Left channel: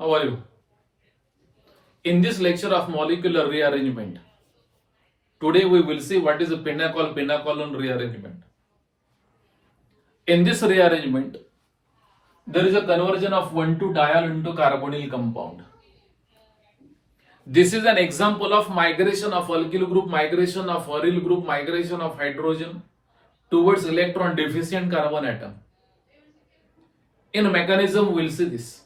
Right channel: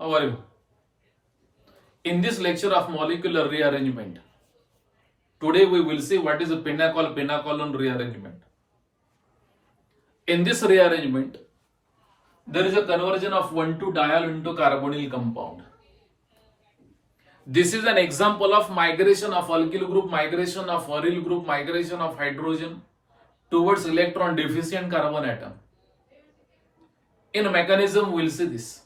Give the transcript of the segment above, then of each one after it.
How are you? In this lecture of molecular rearrangement, today we will see what is a pentacolon rearrangement. In this rearrangement, there is a conversion of 1,2-diol into carbonyl compound. This is an example of migration of alkyl group, migration of aryl group, migration of hydrogen towards electron deficient carbon atom. In mechanism, we will see this.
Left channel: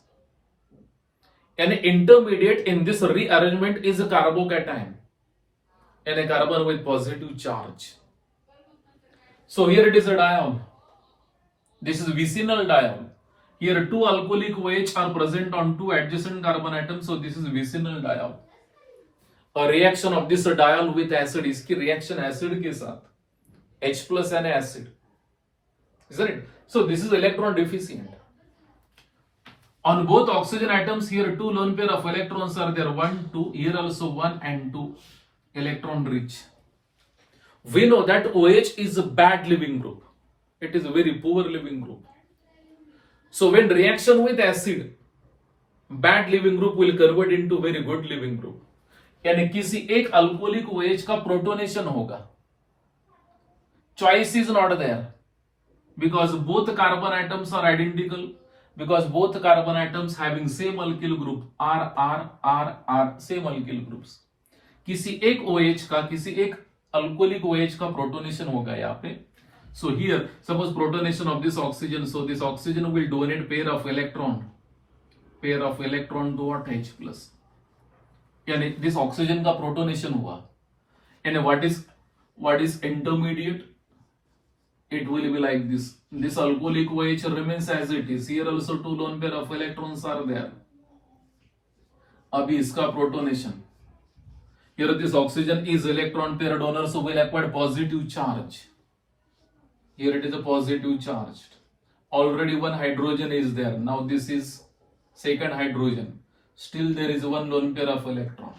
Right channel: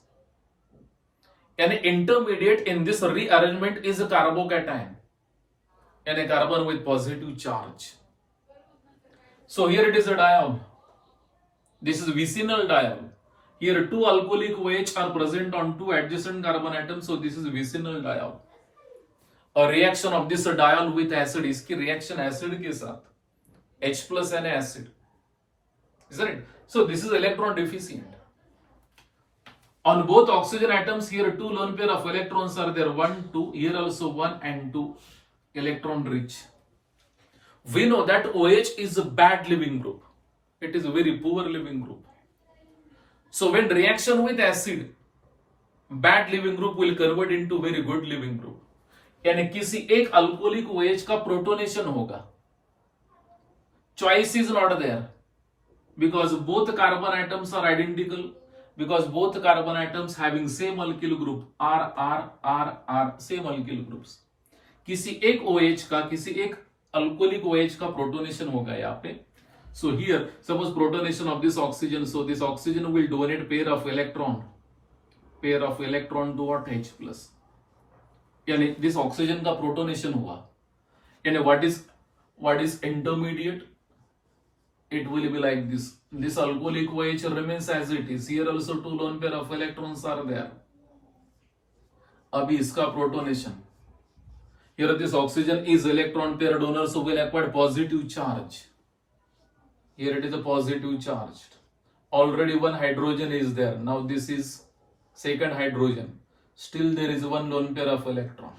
An intermediate in this rearrangement is a carbocation and a carbon with positive charge. So here it is a diol. This is vicinal diol. Here two alcoholic OH are present on two adjacent carbon atoms. So this is vicinal diol. A reaction of this diol with acid, इसकी reaction acid के साथ H plus and acid, isn't it? So this is electron deficient. On both oxygen atoms, here two lone pair of electrons are there, 1, 2, here also 1 and 2 electron rich. We know that OH is a bad living group. It is a very poor living group. So when reaction with acid, bad living group will convert into very good living group. यानी किसी एक alcoholic OH का protonation होगा. Choice is not there because both carbon atoms are identical. Because both carbon atoms having same alkyl group R, same alkyl groups. किसी एक OH का, किसी एक alcoholic OH का protonation होगा यहाँ पे. So here, suppose protonation of this oxygen. So this oxygen will donate pair of electron to H plus. यानी this oxygen का protonation हुआ. यानी what is intermediate? It will be like this. This alcoholic OH remains as it is. Here also two lone pair of electrons are there. अभी इसका protonation. Here this oxygen is electron pair donor, so will acquire positive charge. Here it is a positive charge. Already one hydrogen is there. Now this is second hydrogen. Still there is one lone pair of electron.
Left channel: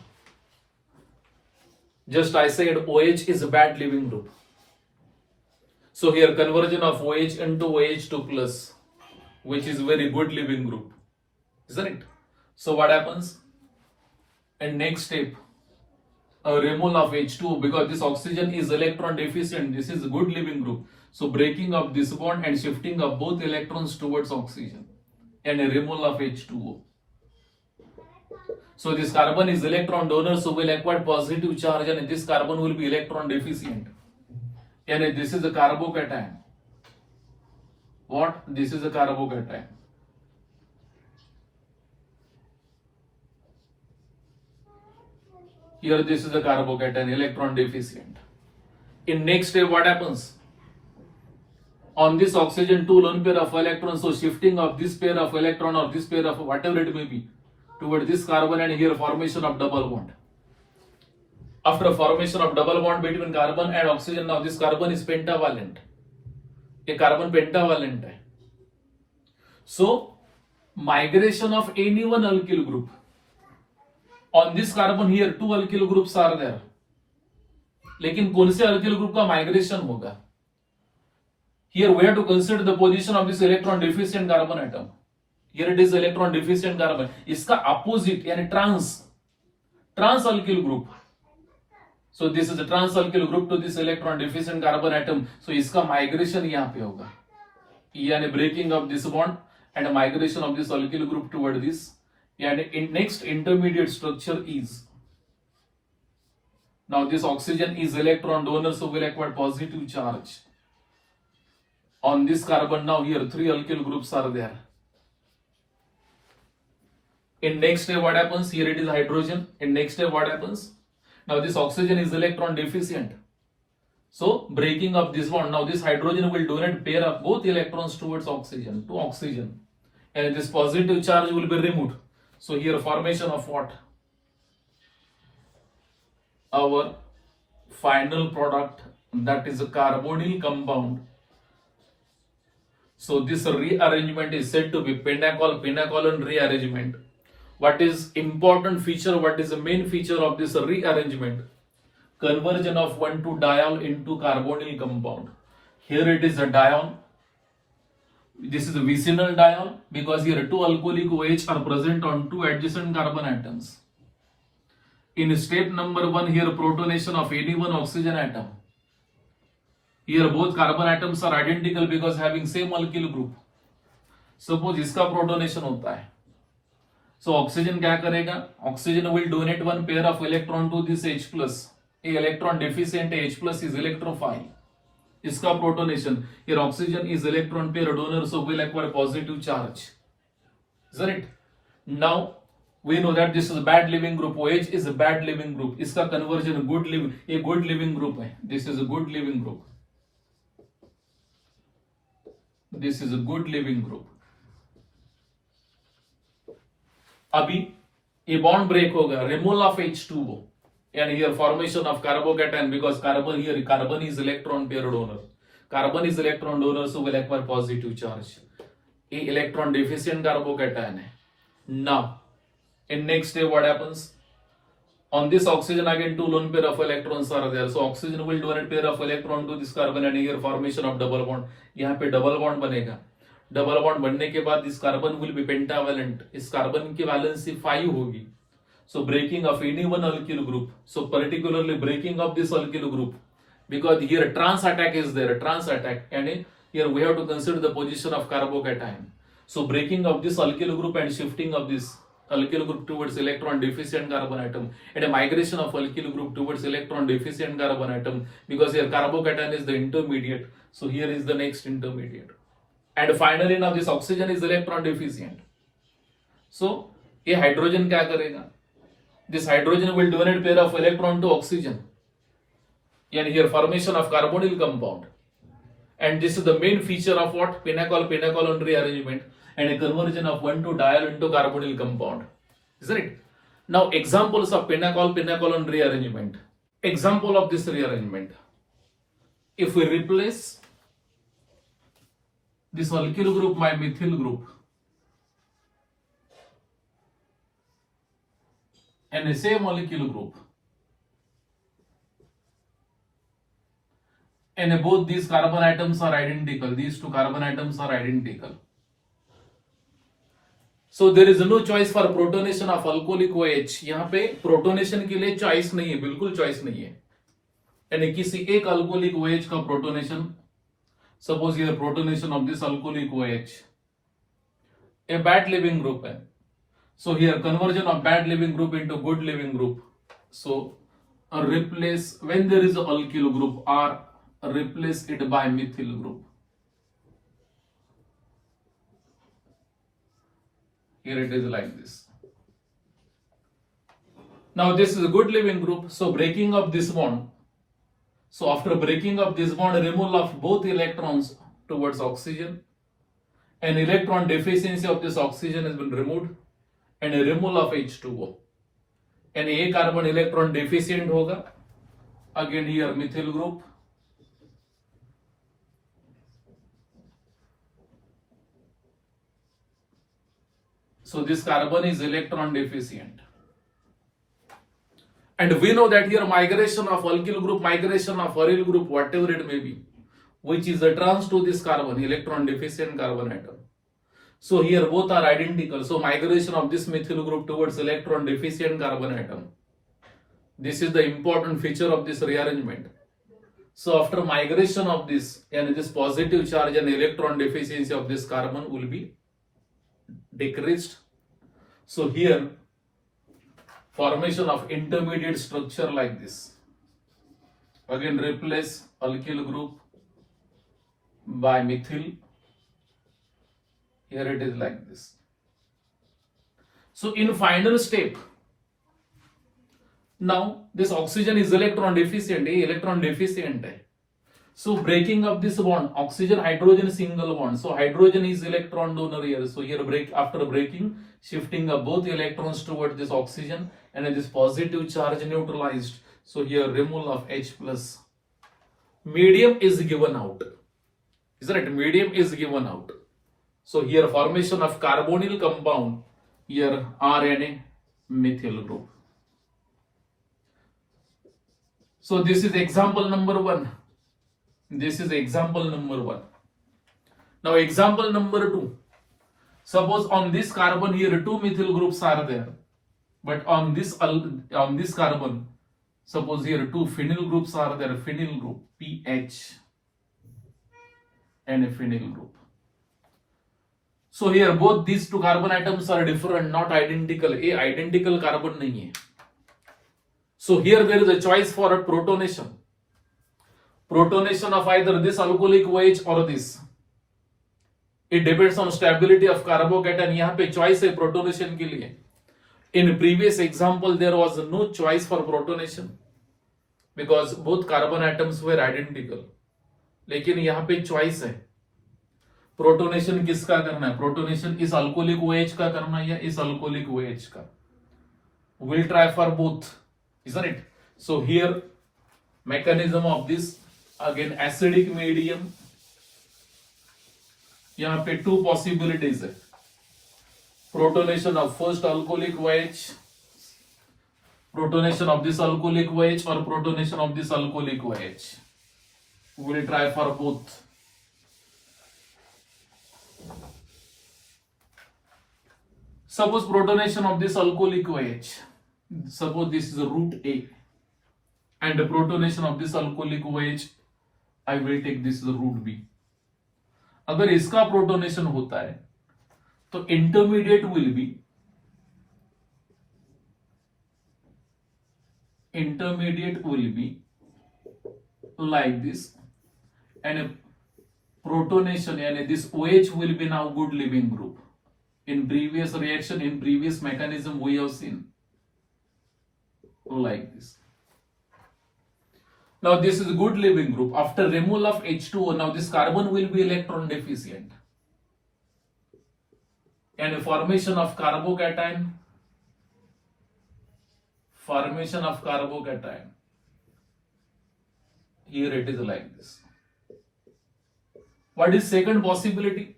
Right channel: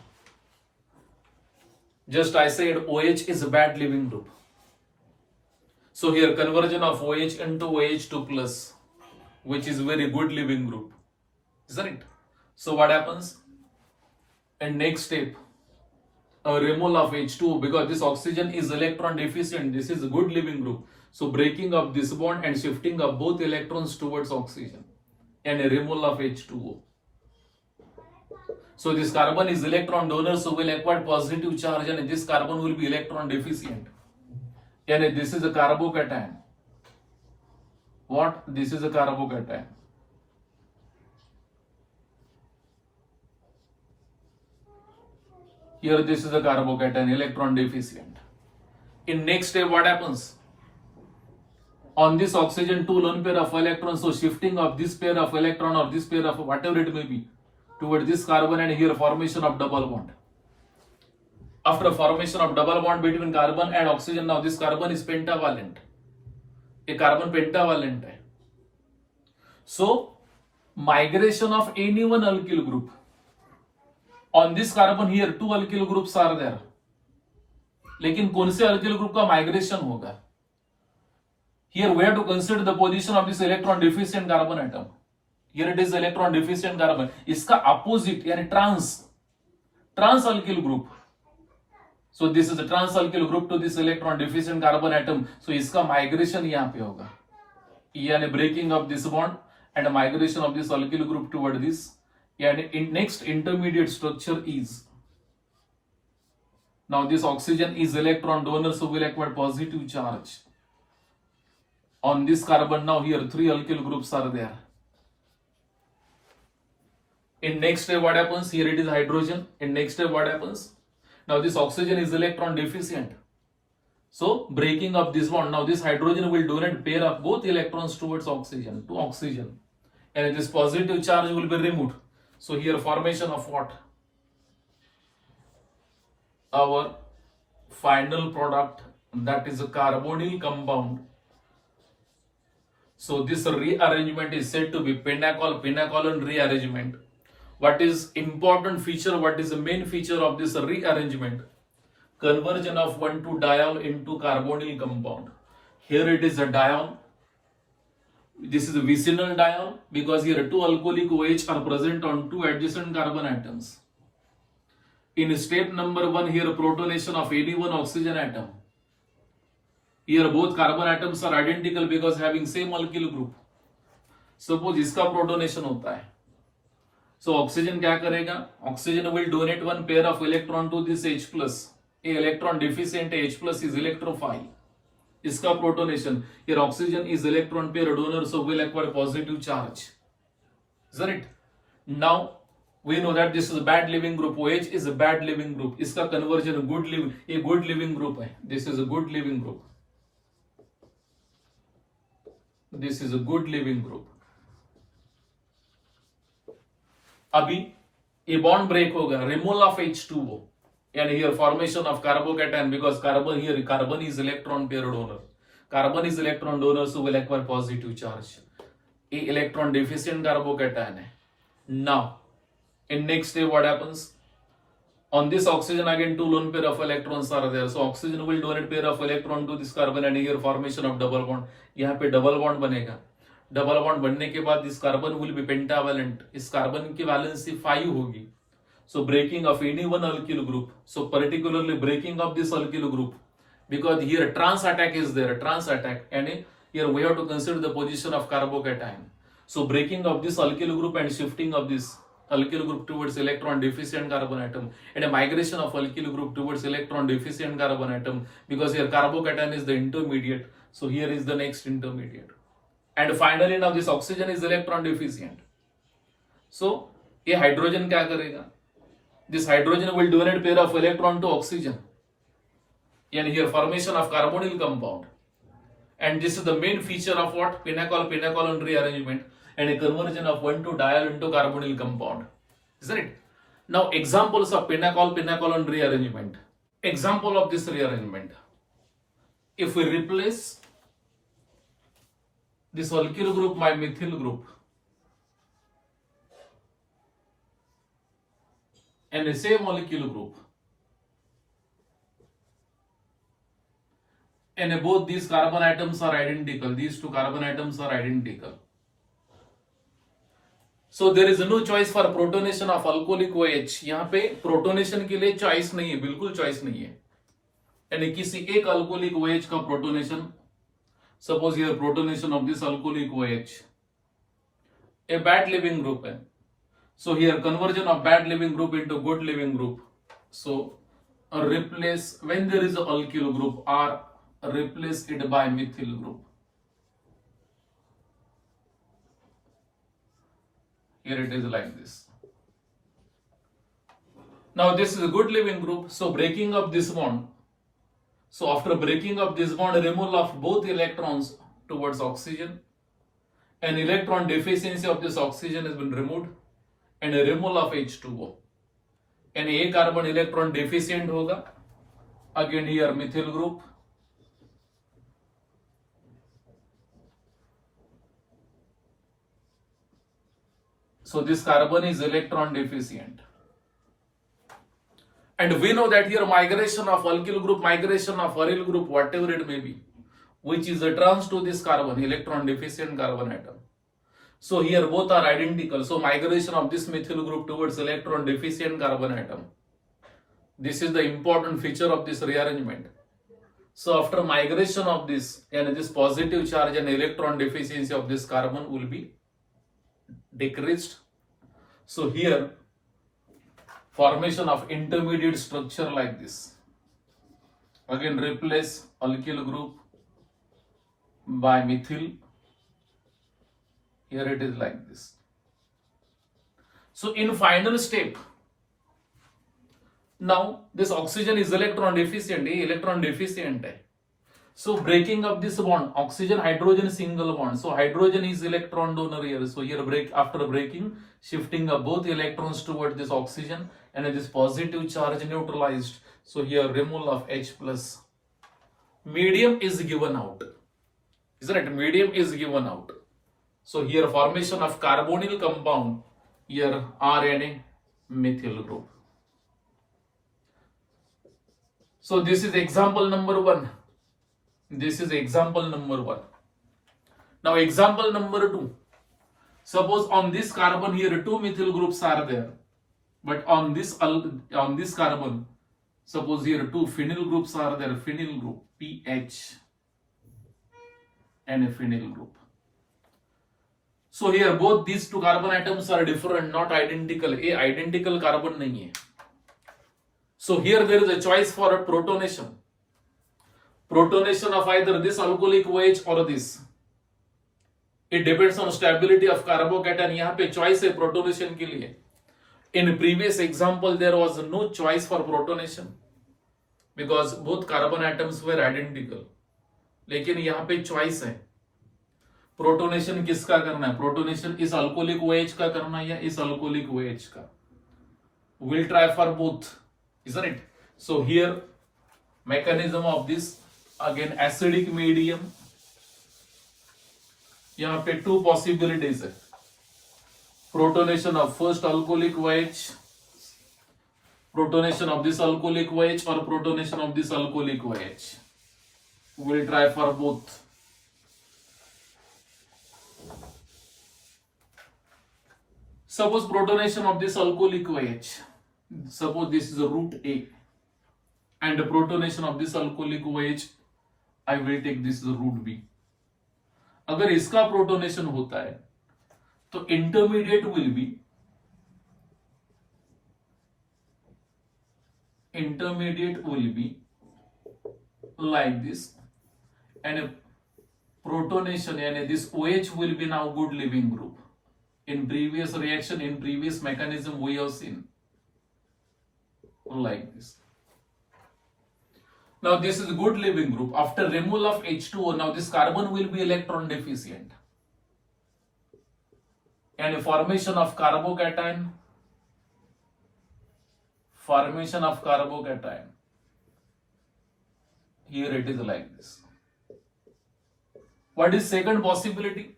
Just I said OH is a bad living group. So here conversion of OH into OH2 plus, which is very good living group, isn't it? So what happens? And next step, a removal of H2O, because this oxygen is electron deficient. This is a good living group. So breaking of this bond and shifting of both electrons towards oxygen and a removal of H2O. So this carbon is electron donor, so will acquire positive charge, and this carbon will be electron deficient. And this is a carbocation. What? This is a carbocation. Here this is a carbocation, electron deficient. In next step, what happens? On this oxygen, two lone pair of electrons, so shifting of this pair of electron or this pair of whatever it may be toward this carbon, and here formation of double bond. After formation of double bond between carbon and oxygen, now this carbon is pentavalent. A carbon pentavalent है. So migration of any one alkyl group. On this carbon here two alkyl groups are there. लेकिन कौन से alkyl group का migration होगा? Here we have to consider the position of this electron deficient carbon atom. Here it is electron deficient carbon. इसका opposite यानी trans alkyl group. So this is the trans alkyl group to this electron deficient carbon atom. So इसका migration यहाँ पे होगा. यानी breaking of this bond and a migration of this alkyl group toward this. यानी in next intermediate structure is. Now this oxygen is electron donor, so will acquire positive charge. On this carbon, now here three alkyl groups are there. In next step, what happens? Here it is hydrogen. In next step, what happens? Now this oxygen is electron deficient. So breaking of this bond, now this hydrogen will donate pair of both electrons towards oxygen, to oxygen. And this positive charge will be removed. So here formation of what? Our final product, that is a carbonyl compound. So this rearrangement is said to be pentacolon rearrangement. What is important feature? What is the main feature of this rearrangement? Conversion of 1,2-diol into carbonyl compound. Here it is a diol. This is a vicinal diol because here two alcoholic OH are present on two adjacent carbon atoms. In step number 1, here protonation of any one oxygen atom. Here both carbon atoms are identical because having same alkyl group. Suppose इसका protonation होता है, so oxygen क्या करेगा? Oxygen will donate one pair of electron to this H plus. A electron deficient H plus is electrophile. इसका protonation, here oxygen is electron pair donor, so will acquire positive charge. Isn't it? Now we know that this is a bad living group. OH is a bad living group. इसका conversion good living, a good living group है. This is a good living group. This is a good living group. अभी ये bond break होगा, removal of H2O and here formation of carbocation because carbon here carbon is electron pair donor. Carbon is electron donor, so will acquire positive charge. A electron deficient carbocation है. Now in next step what happens? On this oxygen again two lone pair of electrons are there, so oxygen will donate pair of electron to this carbon and here formation of double bond. यहाँ पे double bond बनेगा. Double bond बनने के बाद इस carbon will be pentavalent, इस carbon की valency 5 होगी. So breaking of any one alkyl group, so particularly breaking of this alkyl group because here trans attack is there, trans attack, and here we have to consider the position of carbocation. So breaking of this alkyl group and shifting of this alkyl group towards electron deficient carbon atom and a migration of alkyl group towards electron deficient carbon atom because here carbocation is the intermediate, so here is the next intermediate. And finally now this oxygen is electron deficient, so ये hydrogen क्या करेगा? This hydrogen will donate pair of electron to oxygen and here formation of carbonyl compound, and this is the main feature of what? Pinacol rearrangement and a conversion of 1,2-diol into carbonyl compound, isn't it? Now examples of pinacol rearrangement. Example of this rearrangement, if we replace this alkyl group by methyl group and the same molecule group, and both these carbon atoms are identical, these two carbon atoms are identical, so there is no choice for protonation of alcoholic OH. यहाँ पे protonation के लिए choice नहीं है, बिल्कुल choice नहीं है. यानी किसी एक अल्कोहलिक OH का protonation, suppose here protonation of this alcoholic OH, a bad living group है, so here conversion of bad living group into good living group, so replace when there is a alkyl group or replace it by methyl group. Here it is like this. Now this is a good living group, so breaking of this bond. So after breaking of this bond, removal of both electrons towards oxygen, and electron deficiency of this oxygen has been removed, and a removal of H2O. And a carbon electron deficient होगा, again here methyl group. So this carbon is electron deficient. And we know that here migration of alkyl group, migration of aryl group, whatever it may be, which is a trans to this carbon, electron deficient carbon atom. So here both are identical. So migration of this methyl group towards electron deficient carbon atom. This is the important feature of this rearrangement. So after migration of this, and this positive charge and electron deficiency of this carbon will be decreased. So here formation of intermediate structure like this. Again replace alkyl group by methyl. Here it is like this. So in final step, now this oxygen is electron deficient, electron deficient hai. So breaking of this bond, oxygen hydrogen single bond, so hydrogen is electron donor here, so here after breaking, shifting of both electrons towards this oxygen and this positive charge neutralized, so here removal of H plus. Medium is given out, isn't it? Medium is given out, so here formation of carbonyl compound, here RNA methyl group. So this is example number 1. This is example number 1. Now example number 2. Suppose on this carbon here 2 methyl groups are there, but on this carbon, suppose here 2 phenyl groups are there, phenyl group PH and a phenyl group. So here both these two carbon atoms are different, not identical. A identical carbon nahi hai. So here there is a choice for a protonation. Protonation of either this alcoholic OH or this. It depends on stability of carbocation. यहाँ पे choice है protonation के लिए. In previous example there was no choice for protonation because both carbon atoms were identical. लेकिन यहाँ पे choice है. Protonation किसका करना है? प्रोटोनेशन इस अल्कोहलिक OH का करना है या इस अल्कोहलिक OH का? We'll try for both, isn't it? So here mechanism of this, again acidic medium. यहाँ पे two possibilities है. Protonation of first alcoholic OH, protonation of this alcoholic OH or protonation of this alcoholic OH. We'll try for both. Suppose protonation of this alcoholic OH, suppose this is root A, and the protonation of this alcoholic OH, I will take this as root B. अगर इसका protonation होता है तो intermediate will be like this, and protonation and this OH will be now good living group. In previous reaction, in previous mechanism, we have seen like this. Now this is good living group. After removal of H2O, now this carbon will be electron deficient, and formation of carbocation. Here it is like this. What is second possibility?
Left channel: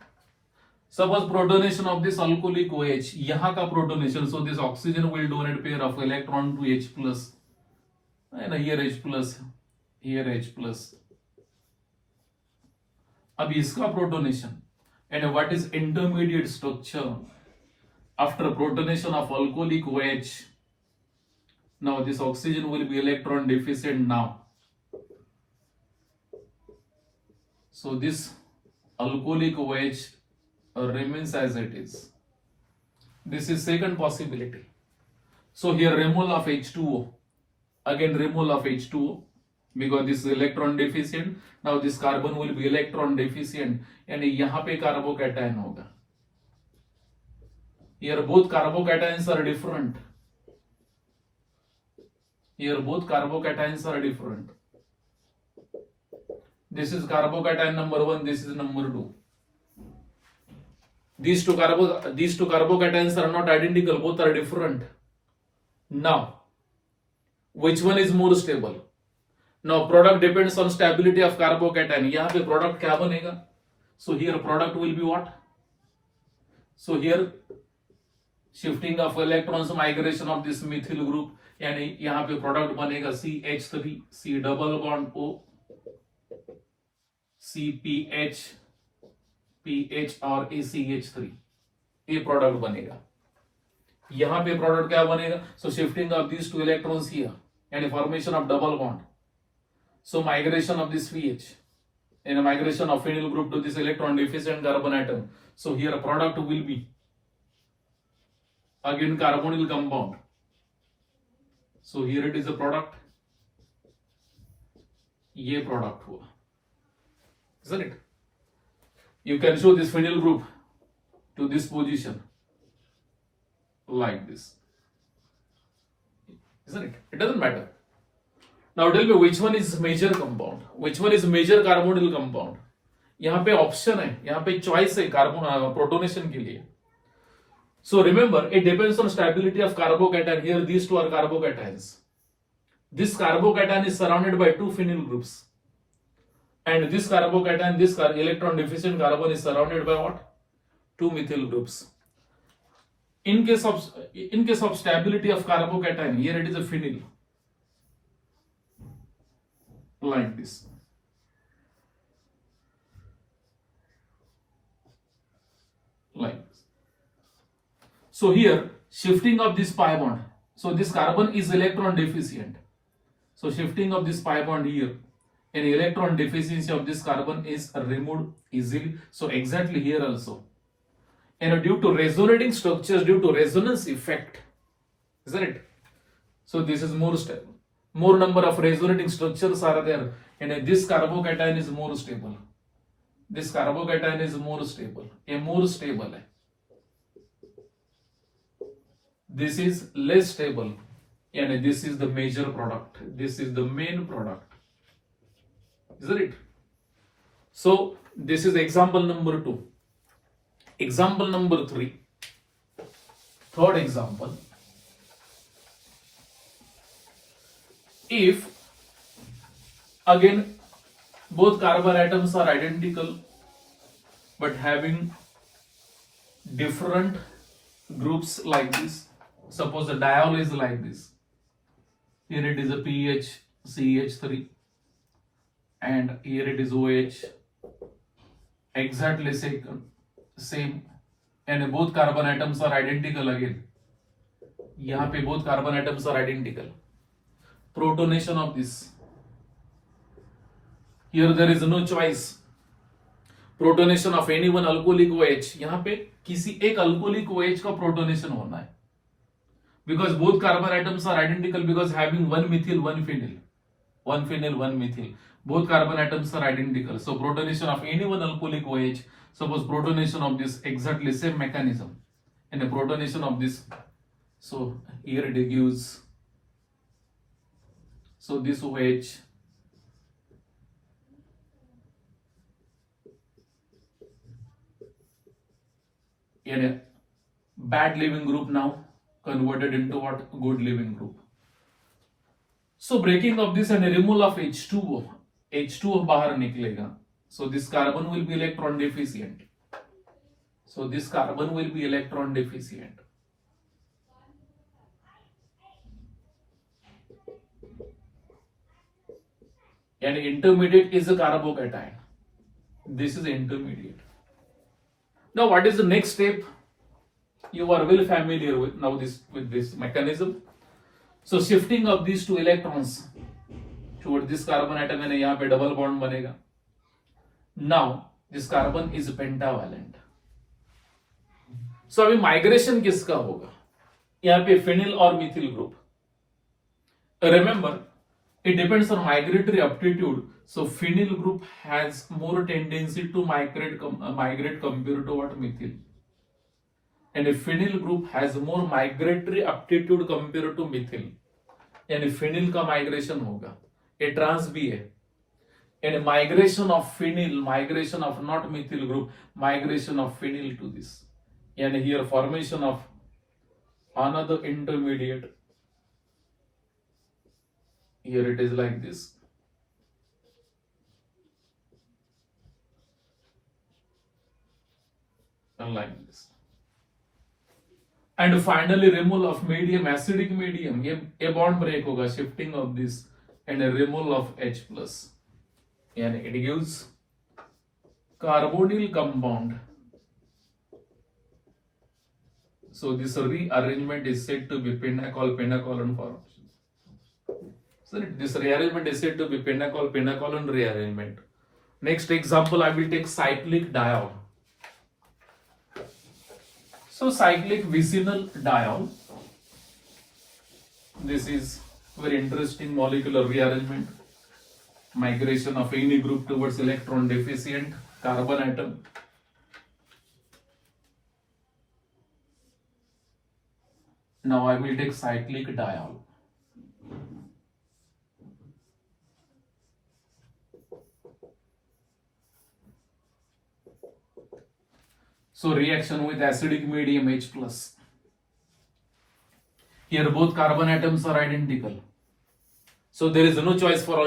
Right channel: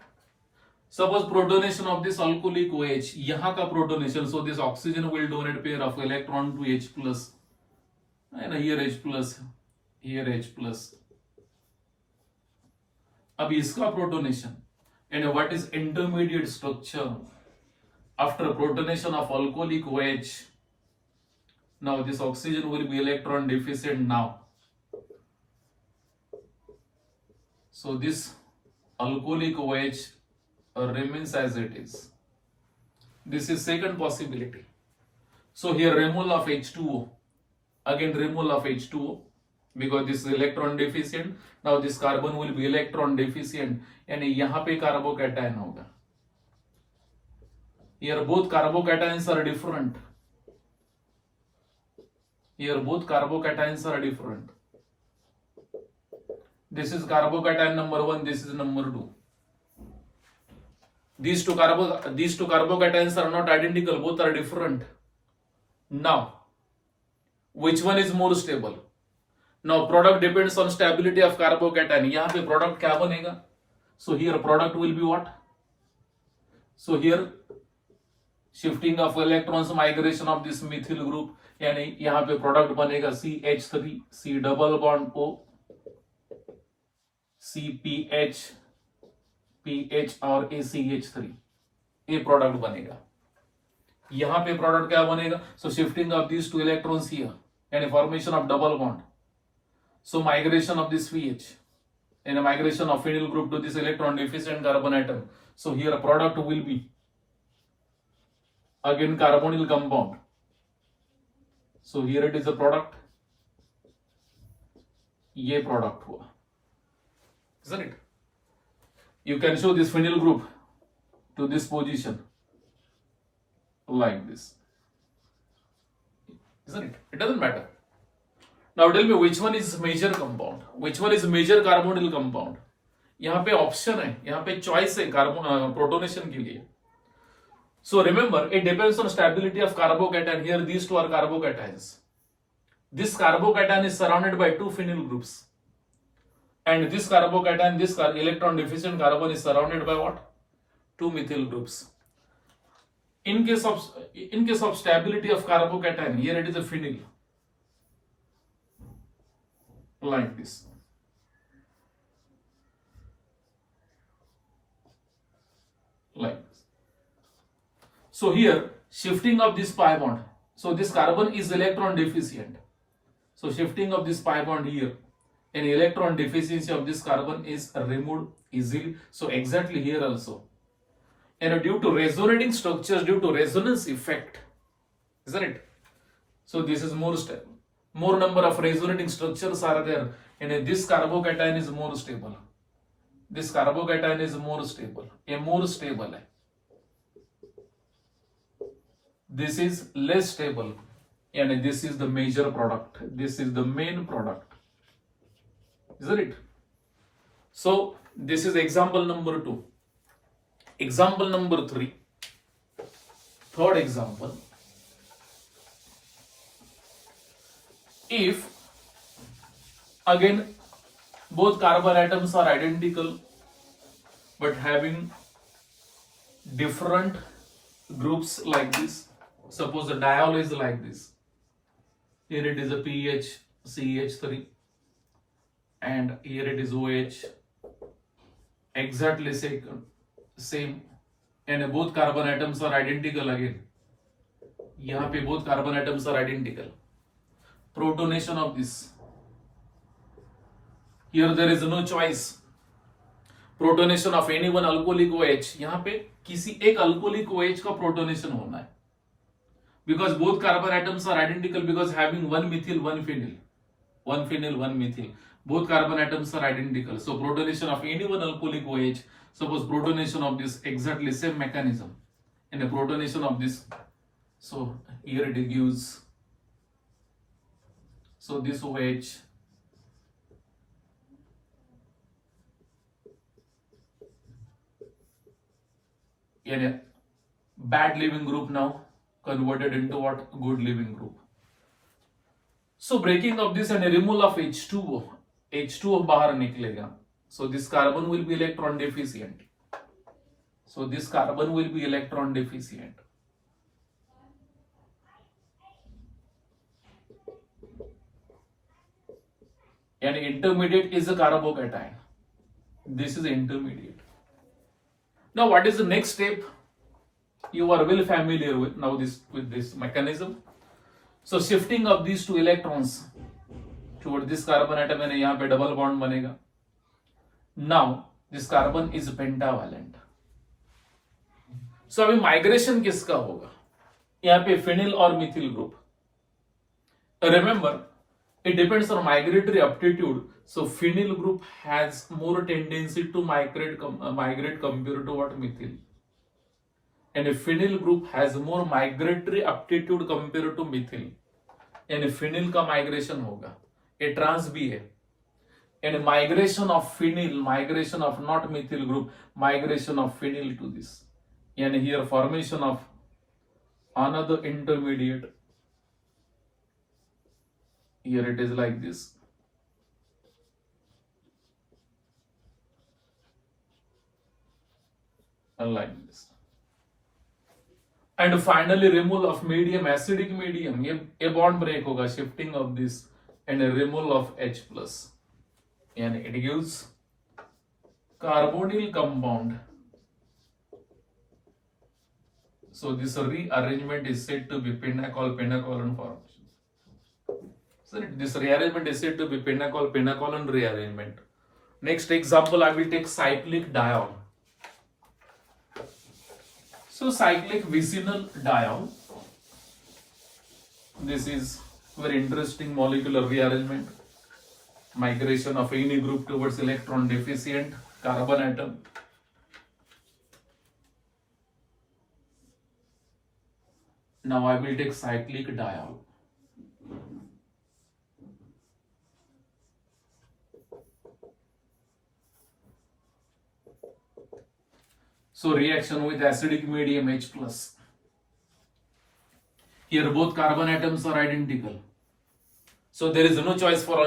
Suppose protonation of this alcoholic OH, यहाँ का protonation, so this oxygen will donate pair of electron to H plus, and here H plus, here H plus. अब इसका protonation, and what is intermediate structure after protonation of alcoholic OH? Now this oxygen will be electron deficient now. So this alcoholic OH remains as it is. This is second possibility. So here removal of H2O, again removal of H2O, because this is electron deficient. Now this carbon will be electron deficient, and यहाँ पे carbocation होगा. Here both carbocations are different. This is carbocation number 1, this is number 2. These two carbocations are not identical, both are different. Now, which one is more stable? Now, product depends on stability of carbocation. यहाँ पे product क्या बनेगा? So here product will be what? So here shifting of electrons, migration of this methyl group, यानी यहाँ पे product बनेगा CH3, C double bond O, CPH, PH और ACH3, ये प्रोडक्ट बनेगा. यहां पे प्रोडक्ट क्या बनेगा? So shifting of these two electrons here and formation of double bond. So migration of this PH and migration of phenyl group to this electron deficient carbon atom. So here a product will be again carbonyl compound. So here it is a product. ये product हुआ, isn't it? You can show this phenyl group to this position like this, isn't it? It doesn't matter. Now tell me which one is major compound, which one is major carbonyl compound. यहाँ पे option है, यहाँ पे choice है carbon protonation के लिए. So remember, it depends on stability of carbocation. Here these two are carbocations. This carbocation is surrounded by two phenyl groups, and this carbocation, this electron deficient carbon is surrounded by what? Two methyl groups. In case of stability of carbocation, here it is a phenyl, like this. like this. So here shifting of this pi bond, so this carbon is electron deficient, so shifting of this pi bond here, and electron deficiency of this carbon is removed easily. So exactly here also, and due to resonating structures, due to resonance effect, isn't it? So this is more stable, more number of resonating structures are there, and this carbocation is more stable, this carbocation is more stable, more stable है. This is less stable, and this is the major product, this is the main product, isn't it? So this is example number 2. Example number 3, third example. If again both carbon atoms are identical but having different groups like this, suppose the diol is like this, here it is a PH CH3 and here it is OH, exactly same, and both carbon atoms are identical again, यहाँ पे both carbon atoms are identical. Protonation of this, here there is no choice, protonation of any one alcoholic OH, यहाँ पे किसी एक alcoholic OH का protonation होना है, because both carbon atoms are identical, because having one methyl one phenyl one methyl, both carbon atoms are identical, so protonation of any one alcoholic OH, suppose protonation of this, exactly same mechanism, and a protonation of this, so here it gives, so this OH in a bad living group now converted into what? Good living group. So breaking of this and a removal of H2O बाहर निकलेगा, so this carbon will be electron deficient, so this carbon will be electron deficient. And intermediate is a carbocation, this is intermediate. Now what is the next step? You are well familiar with now with this mechanism. So shifting of these two electrons toward this carbon atom, and यहाँ पे double bond बनेगा. Now this carbon is pentavalent. So अभी migration किसका होगा? यहाँ पे phenyl और methyl group. Remember, it depends on migratory aptitude. So phenyl group has more tendency to migrate compared to what? Methyl. And a phenyl group has more migratory aptitude compared to methyl. And phenyl का migration होगा. A trans भी है. And a migration of phenyl, migration of not methyl group, migration of phenyl to this. And here formation of another intermediate. Here it is like this. And like this. And finally removal of medium, acidic medium. A bond break होगा, shifting of this, and a removal of H plus. And it gives carbonyl compound. So this rearrangement is said to be pennacolin formation. So this rearrangement is said to be pennacolin rearrangement. Next example, I will take cyclic diol. So cyclic vicinal diol. This is very interesting molecular rearrangement. Migration of any group towards electron deficient carbon atom. Now I will take cyclic diol. So reaction with acidic medium H plus. Here both carbon atoms are identical. So there is no choice for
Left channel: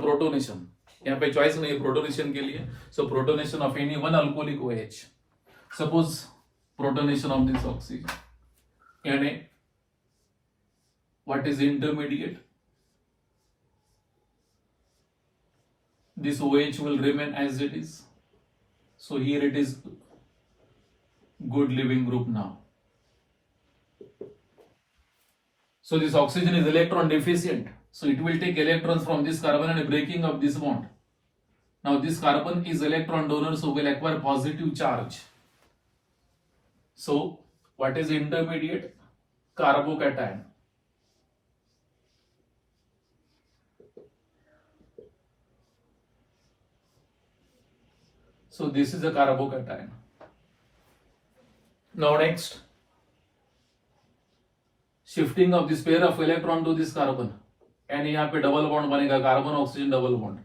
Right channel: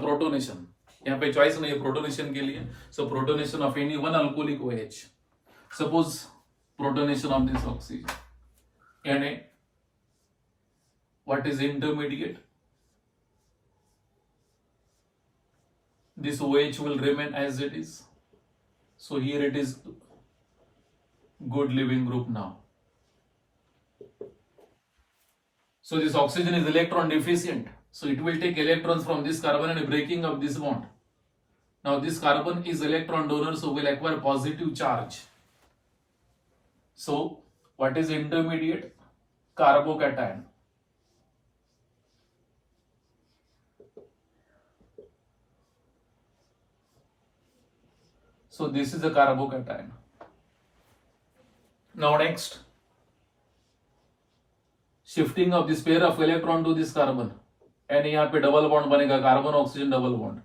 protonation. यहाँ पे choice नहीं है protonation के लिए. So protonation of any one alcoholic OH. Suppose protonation of this oxygen. And what is intermediate? This OH will remain as it is. So here it is good living group now. So this oxygen is electron deficient. So it will take electrons from this carbon and breaking up this bond. Now this carbon is electron donor, so will acquire positive charge. So what is intermediate? Carbocation. So this is the carbocation. Now next, shifting of this pair of electron to this carbon, and यहाँ पे double bond बनेगा, carbon oxygen double bond.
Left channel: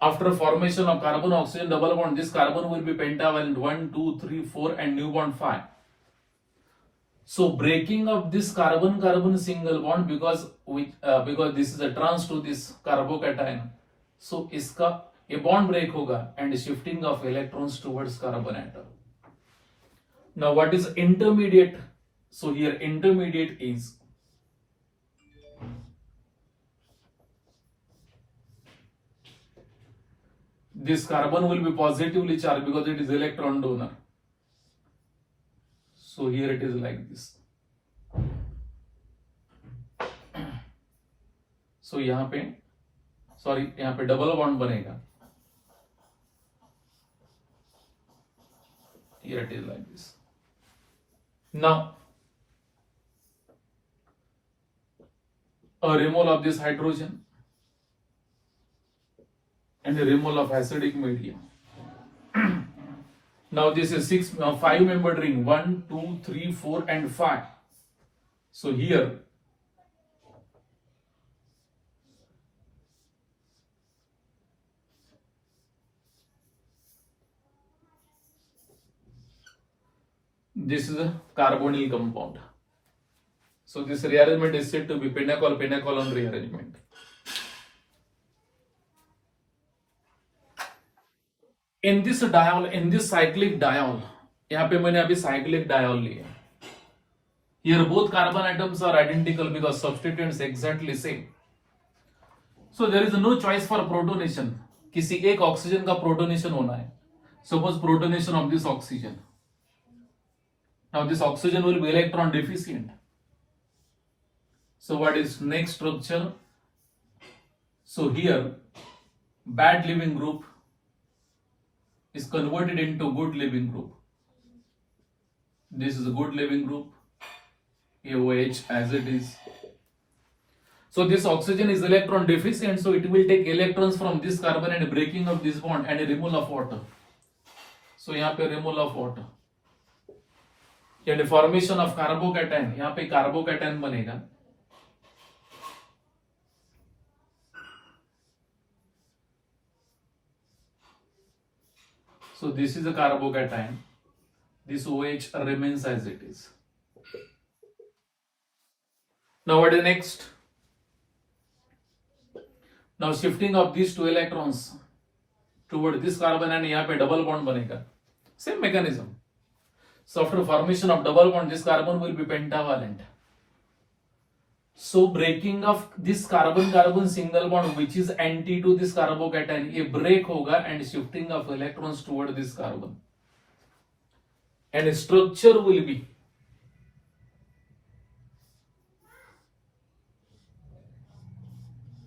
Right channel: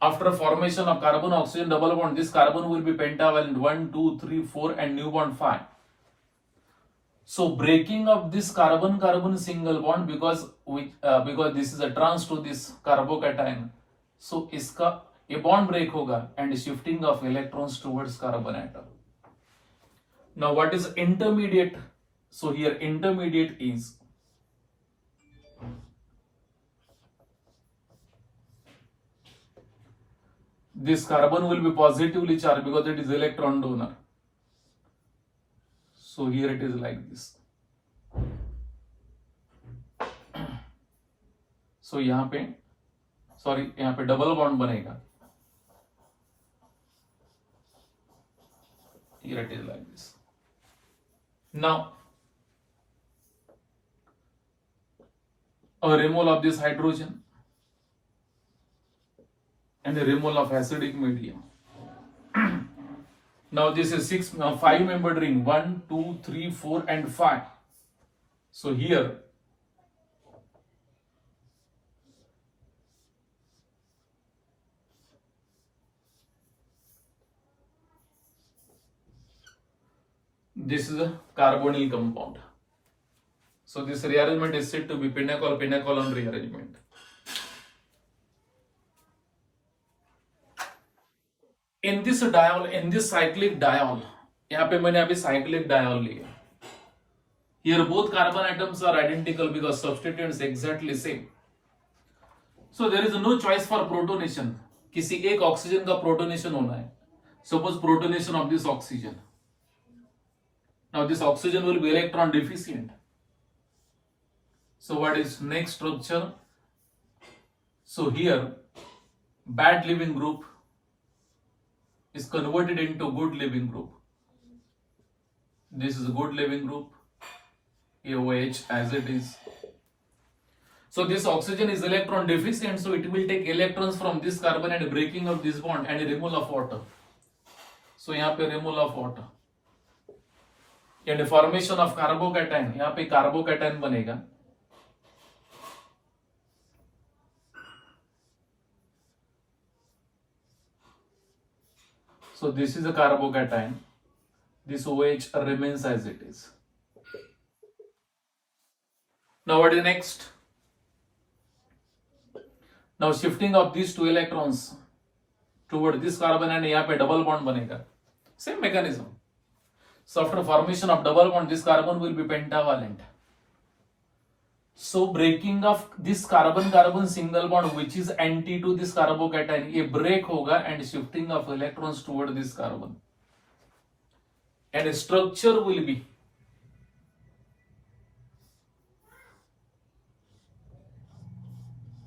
After formation of carbon oxygen double bond, this carbon will be pentavalent 1, 2, 3, 4 and new bond 5. So breaking of this carbon carbon single bond because this is a trans to this carbocation, so इसका ये bond break होगा and shifting of electrons towards carbon atom. Now what is intermediate? So here intermediate is this carbon will be positively charged because it is electron donor. So here it is like this. So यहाँ पे double bond बनेगा. Here it is like this. Now a removal of this hydrogen and a removal of acidic medium. Now this is 5 membered ring, 1, 2, 3, 4 and 5. So here this is a carbonyl compound. So this rearrangement is said to be pinnacle rearrangement. In this diol, in this cyclic diol, यहाँ पे मैंने अभी cyclic diol लिया. Here both carbon atoms are identical because substituents exactly same. So there is no choice for protonation. किसी एक oxygen का protonation होना है. Suppose protonation of this oxygen. Now this oxygen will be electron deficient. So what is next structure? So here bad living group is converted into good living group. This is a good living group, AOH as it is. So this oxygen is electron deficient, so it will take electrons from this carbon and breaking of this bond and a removal of water. So यहाँ पे removal of water and formation of carbocation. यहाँ पे carbocation बनेगा. So this is a carbocation. This OH remains as it is. Now what is next? Now shifting of these two electrons toward this carbon and यहाँ पे double bond बनेगा. Same mechanism. So after formation of double bond, this carbon will be pentavalent. So breaking of this carbon single bond which is anti to this carbocation, ये break होगा and shifting of electrons toward this carbon. And structure will be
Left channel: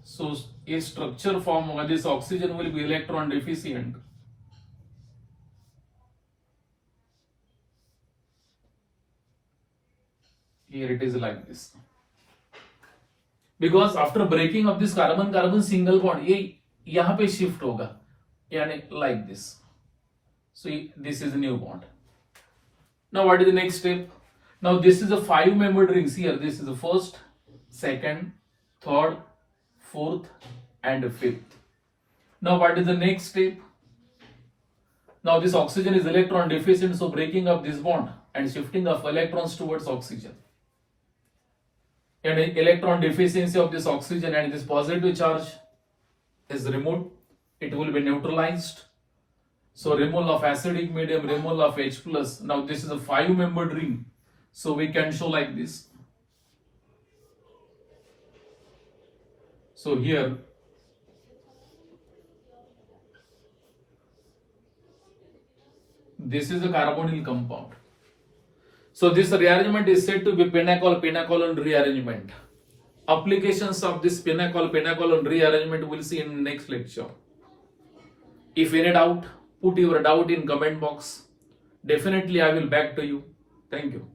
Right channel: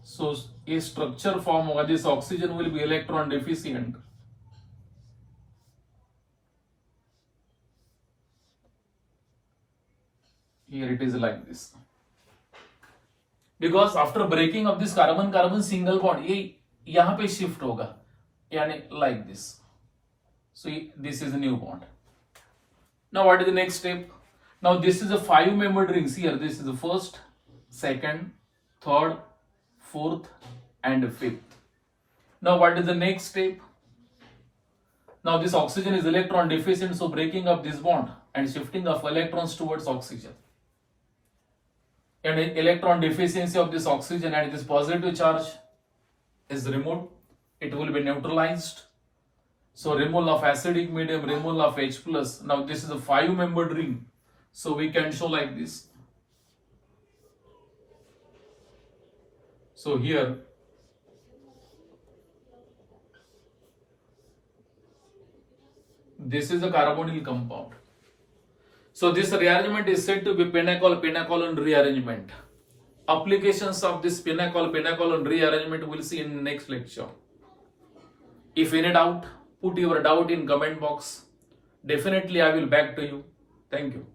so a structure form होगा. This oxygen will be electron deficient. Here it is like this. Because after breaking of this carbon single bond, ये यहाँ पे shift होगा, यानी like this. So this is a new bond. Now what is the next step? Now this is a 5 membered rings here. This is the first, second, third, fourth and fifth. Now what is the next step? Now this oxygen is electron deficient, so breaking up this bond and shifting of electrons towards oxygen. And electron deficiency of this oxygen and this positive charge is removed. It will be neutralized. So removal of acidic medium, removal of H plus. Now this is a 5 membered ring. So we can show like this. So here this is a carbonyl compound. So this rearrangement is said to be Pinacol rearrangement. Applications of this Pinacol rearrangement we'll see in next lecture. If any doubt, put your doubt in comment box. Definitely I will back to you. Thank you.